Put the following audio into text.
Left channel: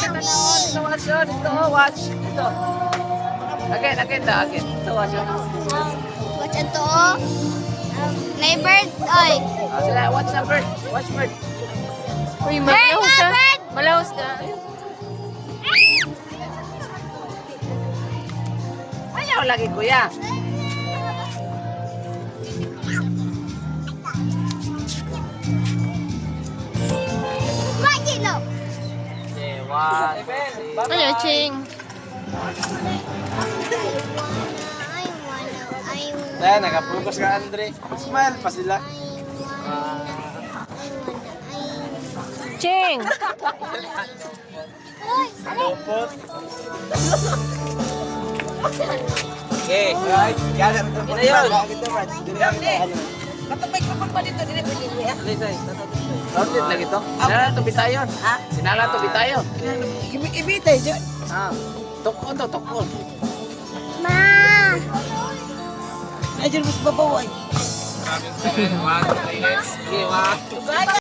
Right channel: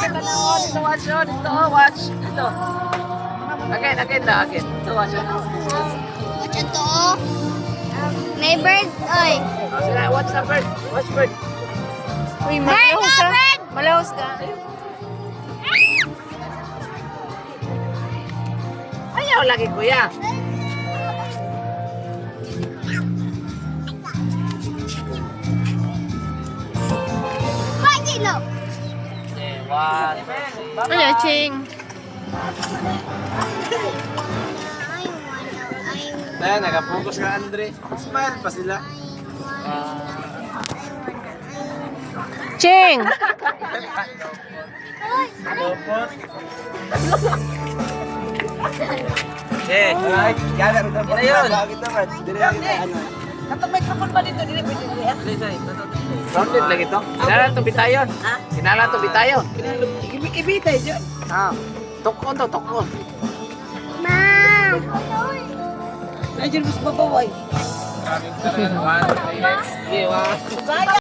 Dito na ako. Dito watch yun. Dito watch. Dito. Again. Dito watch yun. Watch ito. May bird. Oy. Sige, watch na bird. Watch bird. Uy, Bird malaos na, ka. bird! Malaos ka. Ayaw lagi kuya. Bakit no? Okay, one. Ano, Ching? Kaya nakapokus ka, Andre. Smile pa sila. Ching! Lopot. Eh, Gather ito. Ina yun. Katong microphone pa dito, dire pwede dire. sounded lagi to. Kinala to bitayon. Kinala to bitayon. Ibitay dyan. Ah, tukon to, tukon. Ma. Medyo mas babaway. One, 3 minutes. Okay, one.